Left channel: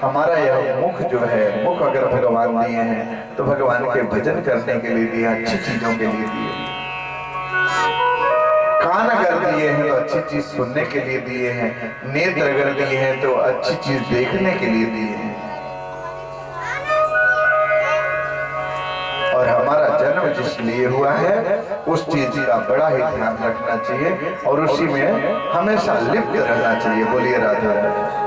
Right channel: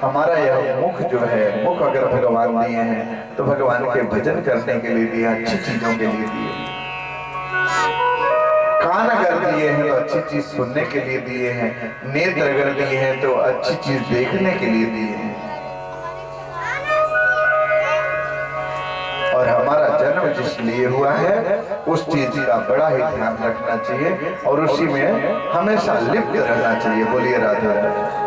हमारा यह मुख जो है, मुख अगर भगवान दिए हैं तो भगवान के भजन करने के लिए दिए, अच्छी चीजों के लिए दिए। कान अगर दिए हैं तो अच्छी चीज सुनने के लिए दिए हैं, नेत्र अगर दिए हैं तो अच्छी चीज देखने के लिए दिए हैं। और हमारा जन्म जिस लिए हुआ है उस चीज का बड़ा ही ध्यान रखना चाहिए और उसी में हमेशा लिप्त रहना चाहिए। बोलिए राधे राधे।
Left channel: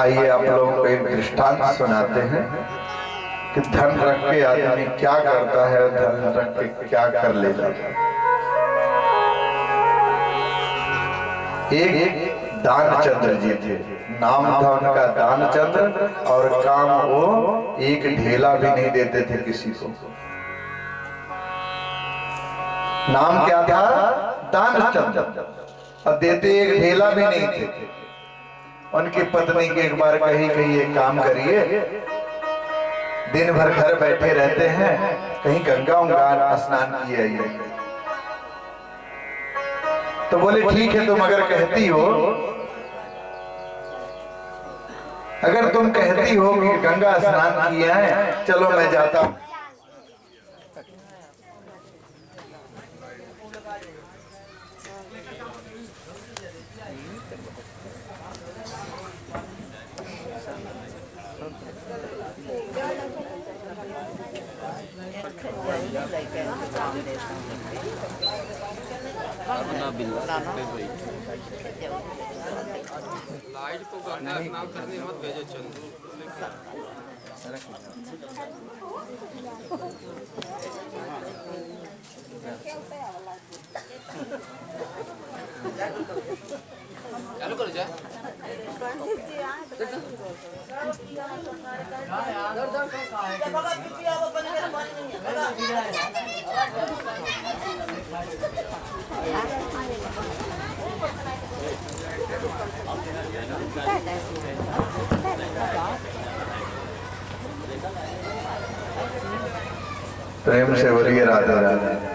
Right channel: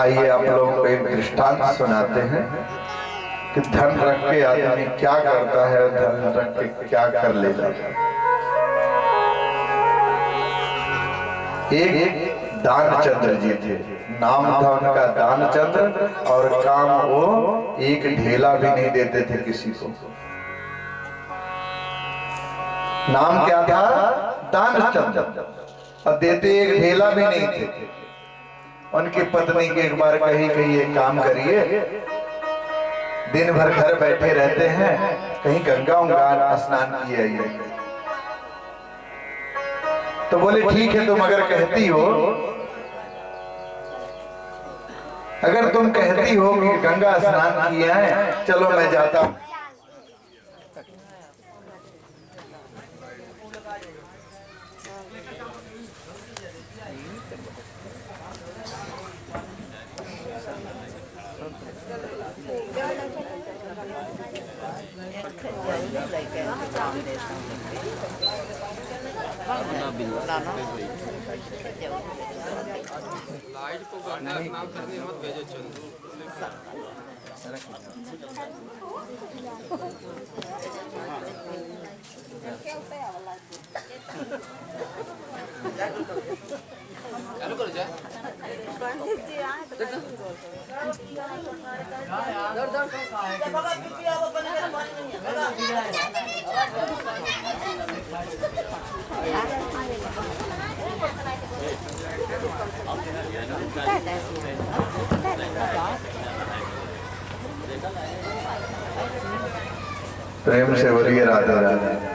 आइए आप लोगों को एक दृष्टांत सुनाते हैं कि धन रख के आदमी क्या करता है, धन रख के क्या कर ले जाता है। एक दानचंद्र जी थे, नाम था उनका दानचंद्र, और काम वो एक ढेला भी नहीं देते थे किसी को। नाम क्या था? दानचंद्र, और देते एक ढेला भी नहीं थे। उनकी पत्नी के एक बार कही एक काम करिए, दिन भर घर बैठे रहते हैं, कहीं गंगा स्नान किए आइए। तो बोले ठीक है, तुम अगर कहती हो, अगर तुम कहती हो कि गंगा स्नान किया है, चलो मैं जाता हूं। लाइट को गंगा स्नान करने मत भेजो चंदू। चालू करो जा। प्रेम से बोलिए राधे राधे।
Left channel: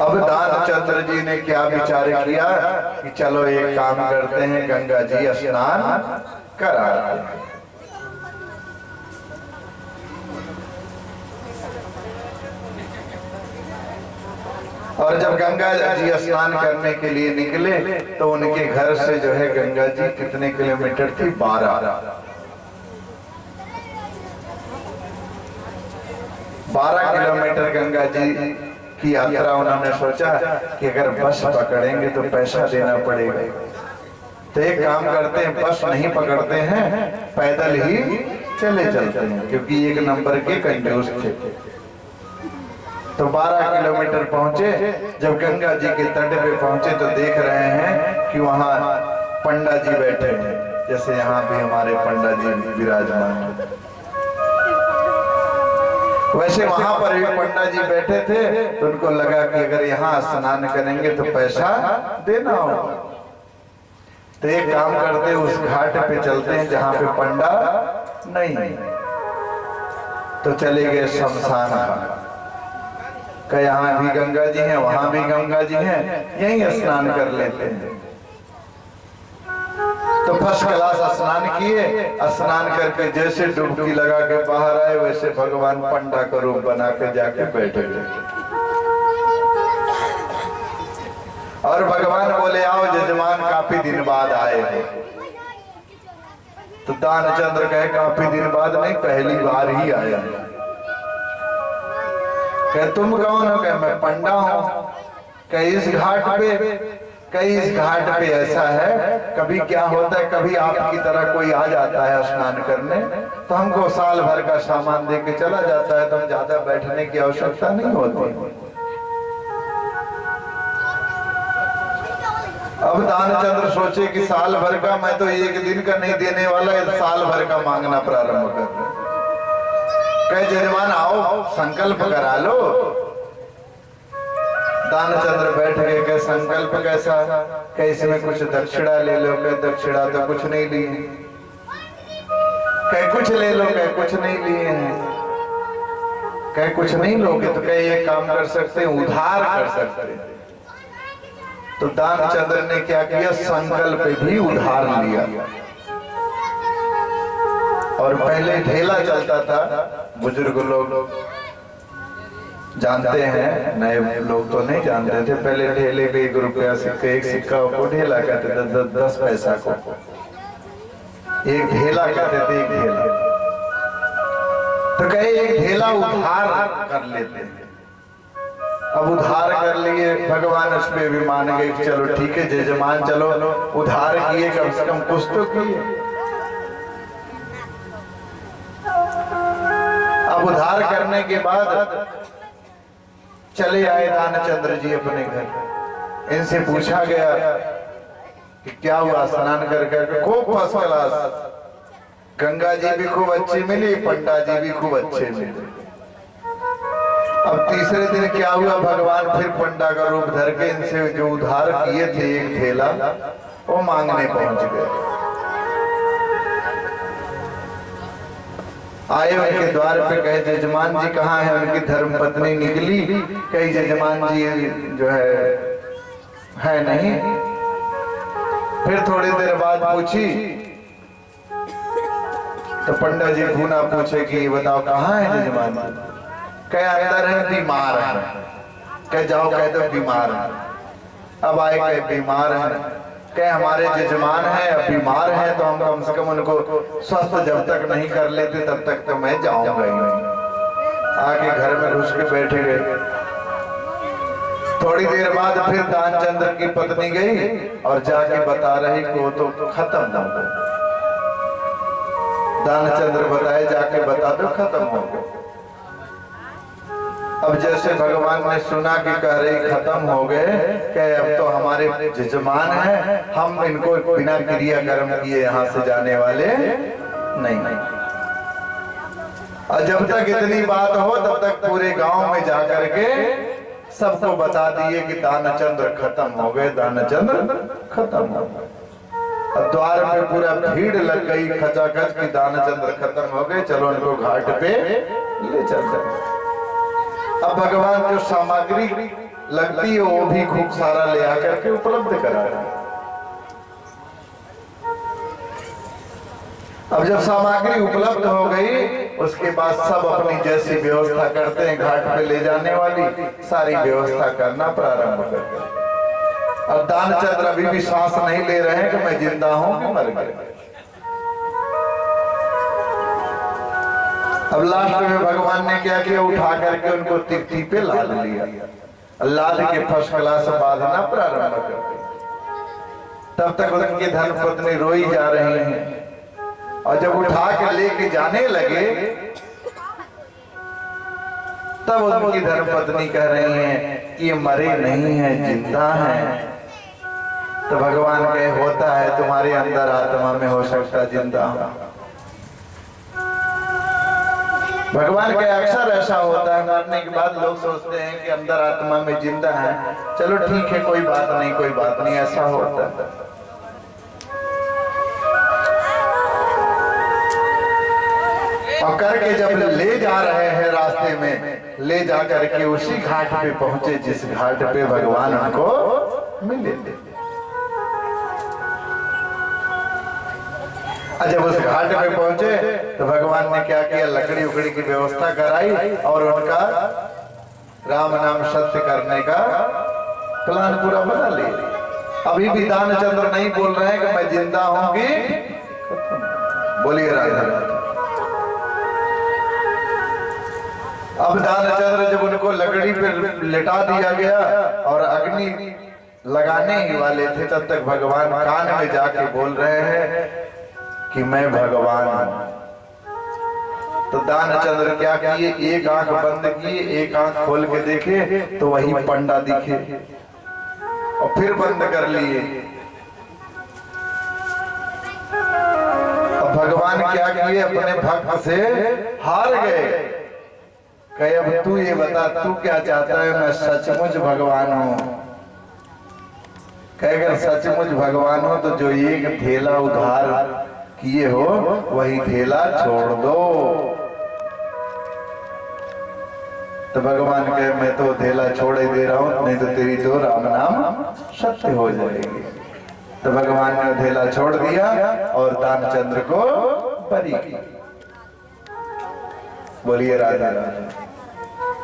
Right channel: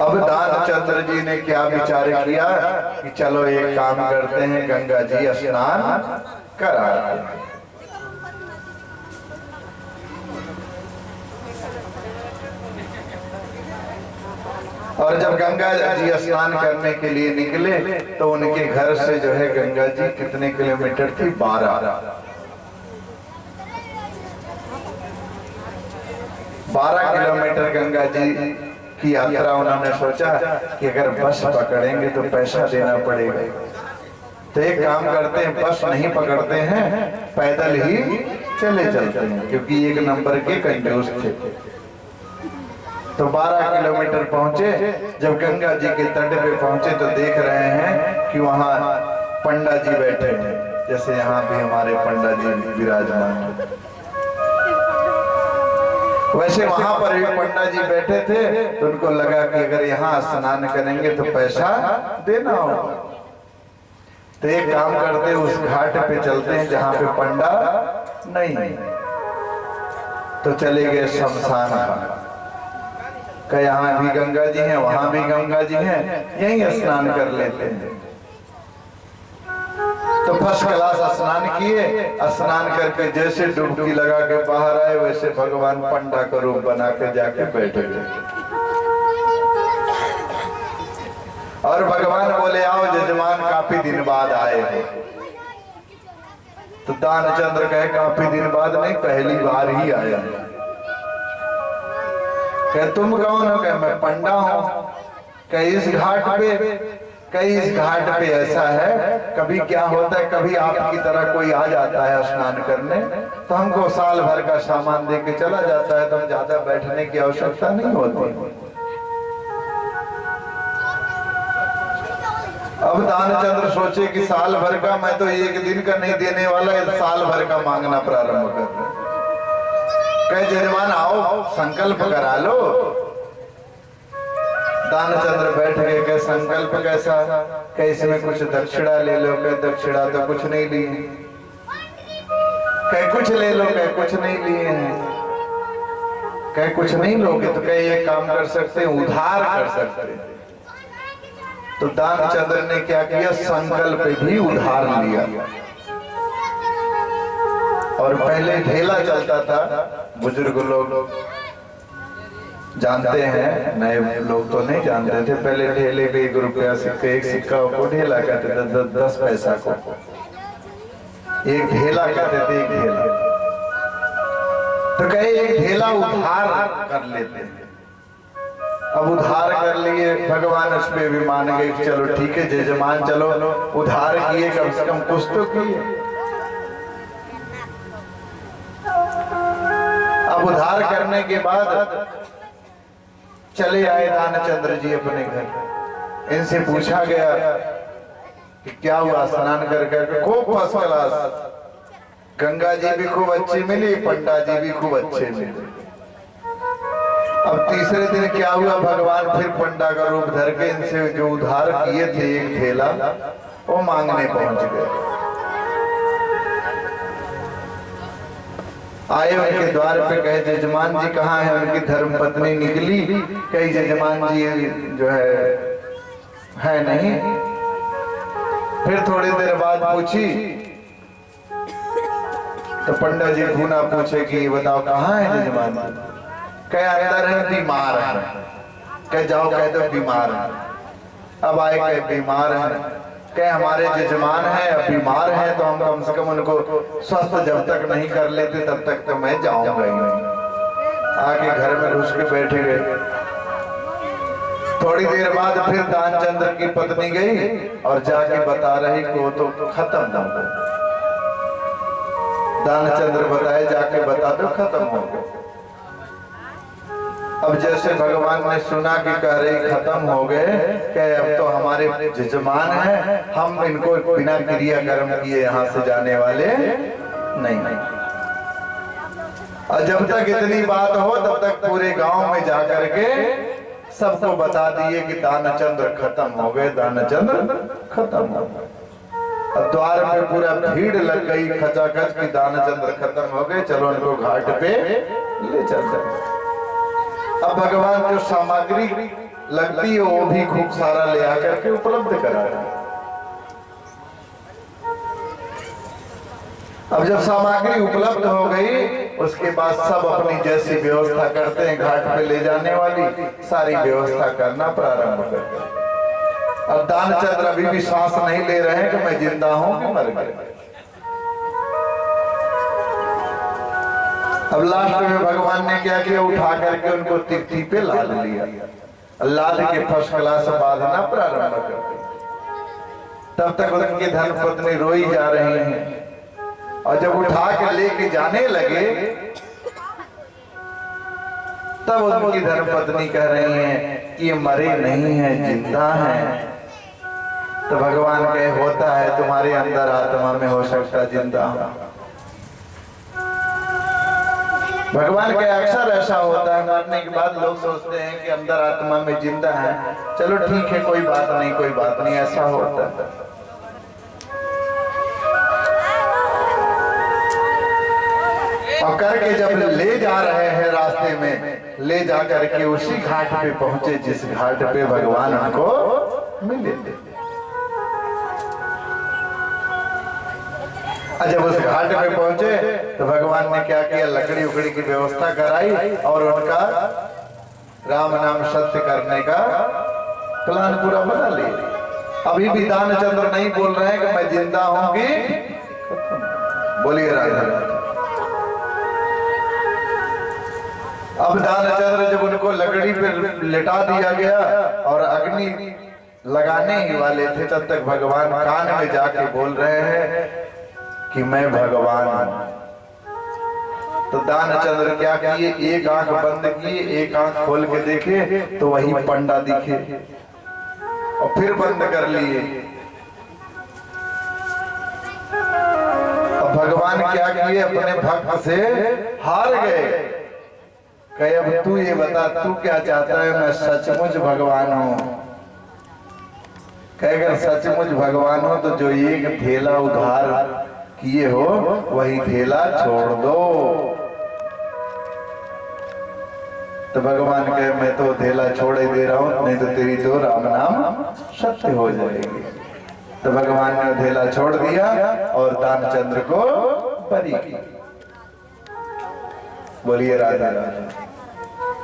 अब दानचंद्र जी ने क्या विचार किया कि चलो एक काम करते हैं, गंगा जी स्नान कराते हैं। और जब गंगा जी स्नान करने के लिए निकले तो उनके घर से जो है गंगा जी कितने किलोमीटर थी? 12 किलोमीटर गंगा जी की यात्रा। उन्होंने सोचा कि अगर बस पकड़ेंगे तो पैसा देना पड़ेगा, तो एक काम करते हैं, बस नहीं पकड़ते हैं, पैदल ही चले चलते हैं, क्योंकि एक नंबर के कंजूस थे। तो 12 किलोमीटर पहुंचे। जब गंगा जी के तट पे पहुंचे तो देख रहे हैं कि वहां पंडा जी बैठे हैं, जैसे यहाँ भी हमारे पंडा जी विराजमान हैं, वैसे वहां पर भी पंडा जी बैठे थे। तो उनको लगा कि अगर यहाँ स्नान करेंगे तो पैसा देना होगा। तो एक काम करते, उस घाट पे चलते हैं जहाँ पे पंडा नहीं। तो चले गए शमशान घाट, कि यहाँ भी गंगा जी हैं, वहां भी गंगा जी हैं, यहीं स्नान कर लेते हैं। तो फर्स्ट क्लास स्नान किए। स्नान करके जैसे डुबकी लगा के बाहर आए, वैसे भगवान पंडा का रूप बना के जाके बैठ गए। और भगवान बोले आओ जजमान, काफी दिन बाद आए हो। तो दानचंद्र कहे काफी दिन बाद नहीं, पहली बार ही आया। कहे तुम कौन हो? कहे मैं पंडा हूं। कहे इस घाट पे ऐसा है, कभी क्या होता है, कभी आपकी तरह कोई आ जाता है स्नान करने, तो हमको साल भर का सामान दे के चला जाता है, तो हम ज्यादा बैठने की आवश्यकता नहीं होती। अब दानचंद्र सोचे कि साल भर का, मैं तो एक दिन का नहीं देने वाला, साल भर का मांगना प्रारंभ कर रहे। कहे जजमान आओ संकल्प करा लो। दानचंद्र बैठ गए। कहे संकल्प कैसा? कहे इसमें कुछ दक्षिणा ले लो। कहे दक्षिणा तो कुछ नहीं ली। कहे कुछ ले लो। कहे कुछ नहीं लिए हैं। कहे कुछ नहीं लोगे तो कहे ये काम कर सकते हैं, उधार कर सकते हैं। तो दानचंद्र ने क्या किया, संकल्प भी उधार लिया। और पहले ढेला चलता था, बुजुर्ग लोग जानते हैं, नए लोग तो नहीं जानते थे। पहले ढेले पे 1 रुपया सिक्के, 1 सिक्का को ढेला कहते थे, 10 पैसा को 1 ढेला कहते थे, 1 ढेला। तो कहे 1 ढेला उधार कर लेते हैं। अब उधार कर लिए, भगवान उस पे भी मान गए, चलो ठीक है जजमान, चलो उधार किए, कम से कम कुछ तो किए। अब उधार करने के बाद चले आए दानचंद्र जी अपने घर। इनसे पूछा गया कि क्या हुआ, स्नान कर खूब फर्स्ट क्लास, गंगा जी भी खूब अच्छी मिली, पंडा जी भी खूब अच्छे मिले। अब तीसरे दिन क्या हुआ, भगवान फिर पंडा का रूप धर के इनसे जो उधार किए थे 1 ढेला, वो मांगने पहुंच गए। आए उनके द्वार पे, कहे जजमान जी कहाँ है? उनकी धर्म पत्नी निकली, कही जजमान जी जो है नहीं। फिर थोड़ी देर बाद पूछी तो पंडा जी भूना पूछे कि बताओ कहाँ है जजमान जी? कहे अंदर है, बीमार है। कहे जाओ कह दो बीमार है। अब आए कहे बीमार है, कहे हमारे जजमान है, अब बीमार है तो हम कम से कम उनको स्वस्थ जब तक नहीं कर लेते तब तक तो मैं जाऊंगा ही नहीं। आके घर में घुस के बैठे गए। थोड़ी देर बाद फिर दानचंद्र की पत्नी गई और जाके बता रही को तो खत्म हो गया। दानचंद्र बताए जाके बता दो खत्म हो गया। अब जैसे भगवान ने सुना कि कह रही खत्म हो गए, कहे अब तो हमारे जजमान है, हम इनको बिना क्रिया कर्म किए यहाँ से जाने वाले नहीं। और जब तक इतनी बात हो तब तक पूरे गांव में जाकर के सबको बता दिए कि दानचंद्र खत्म हो गए, दानचंद्र खत्म हो गए। अब द्वार पे पूरा भीड़ लग गई खचाखच कि दानचंद्र खत्म हो गए, चलो उनको घाट पे ले चलते। अब भगवान जो सामग्री लगती है वो भी खूब सारा ले आकर के उपलब्ध करा रहे। अब जब सामग्री उपलब्ध हो गई उसके बाद सब अपनी जैसी व्यवस्था करते हैं, घाट पे ले जाने वाली सारी व्यवस्था करना प्रारंभ करते हैं। अब दानचंद्र अभी भी सांस नहीं ले रहे हैं कि मैं जिंदा हूं कि मर गया। अब लास्ट में भगवान ने क्या किया, उठा करके उनको तिकती पे लाद लिया, लाद के फर्स्ट क्लास बांधना प्रारंभ कर दिया। तब तक उनकी धर्मपत्नी रोई जा रही हैं और जब उठा के लेके जाने लगे तब उनकी धर्मपत्नी कह रही हैं कि ये मरे नहीं हैं, जिंदा हैं। तो भगवान कहे होता है, तुम्हारे अंदर आत्मा में हो सकता जिंदा हो। भगवान के अक्सर ऐसा होता है, मरने के बाद लोग सोचते हैं कि अंदर आत्मा में जिंदा है, चलो ठीक है कोई बात नहीं, कोई बात नहीं, ऐसा होता है। और करके जब ले जा रहे हैं रास्ते में, ले जा करके उसी घाट पे पहुंचे जिस घाट पे भगवान उनको मिले। जब उस घाट पे पहुंचे तो भगवान ने क्या किया, लकड़ी उकड़ी की व्यवस्था कराई और उनका राम नाम सत्य करने का प्लान पूरा बना लिया। अभी भी दानचंद्र नहीं बोल रहे हैं कि मैं जिंदा होंगी। बोलिए राधा राधा। अब दानचंद्र जब उनको लकड़ी पे लिटा दिया गया और अग्नि लगाने ही वाले थे, तब तक भगवान कान में जाके बोल रहे हैं कि मैं भगवान हूं। तो दानचंद्र क्या किए, एक आंख बंद किए, एक आंख खोल के देखे तो वही पंडा दिखे और फिर बंद कर लिए। अब भगवान क्या किए, अपने भक्त से हार गए। कहे अब तू ये बता, तू क्या चाहता है? मैं सचमुच भगवान हूं। कहे अगर सचमुच भगवान हो तो जो एक ढेला उधार किए हो वही ढेला छोड़ दो। तो भगवान कहे मैं तो धेला छोड़ ही दे रहा हूं, नहीं तो तेरी तो राम नाम सत्य हो जाएगी। तो भगवान ने धेला छोड़ दिया और दानचंद्र को बरी किया। बोलिए राधा राधा।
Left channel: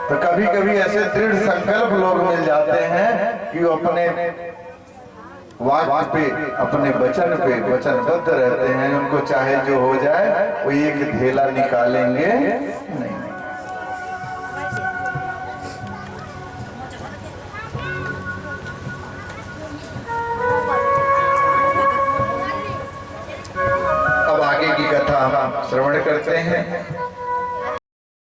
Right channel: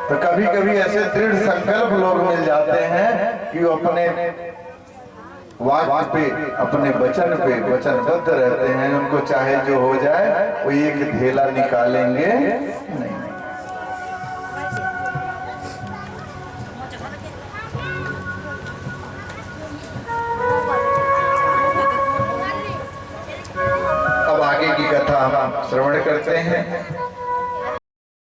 तो कभी कभी ऐसे दृढ़ संकल्प लोग मिल जाते हैं कि वो अपने वाक्य पे, अपने वचन पे वचनबद्ध रहते हैं, उनको चाहे जो हो जाए वो एक धेला निकालेंगे नहीं। अब आगे की कथा हम श्रवण करते हैं।